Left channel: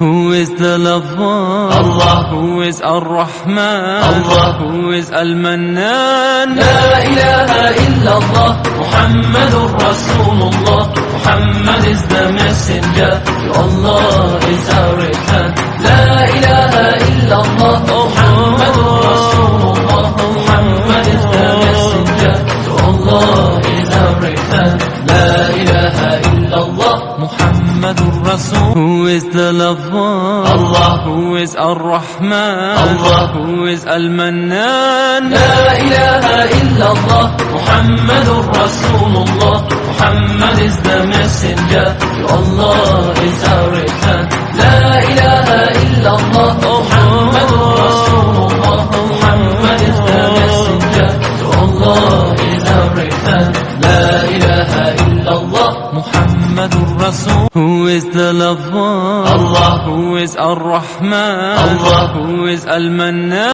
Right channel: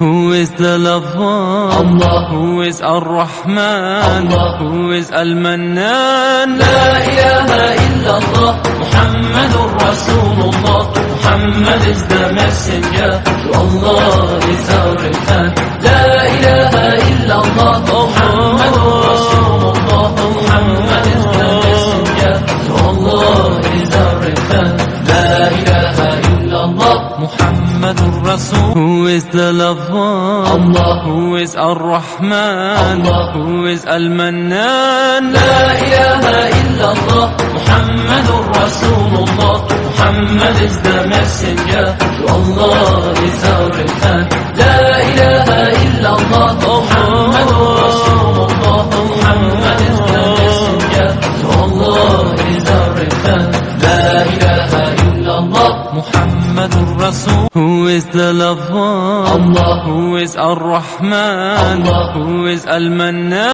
Who is the lover? Allah. Who is Ar-Rahman? Allah. Who is Al-Mannan? La ilaha illallah, Muhammadur Rasulullah. Muhammad is the messenger, to Allah is our return. La ilaha illallah, Muhammadur Rasulullah. Muhammad is the messenger, to Allah is our return. La ilaha illallah, Muhammadur Rasul. Who is the lover? Allah. Who is Ar-Rahman? Allah. Who is Al-Mannan? La ilaha illallah, Muhammadur Rasulullah. Muhammad is the messenger, to Allah is our return. La ilaha illallah, Muhammadur Rasulullah. Muhammad is the messenger, to Allah is our return. La ilaha illallah, Muhammadur Rasul. Who is the lover? Allah. Who is Ar-Rahman? Allah. Who is Al-Mannan?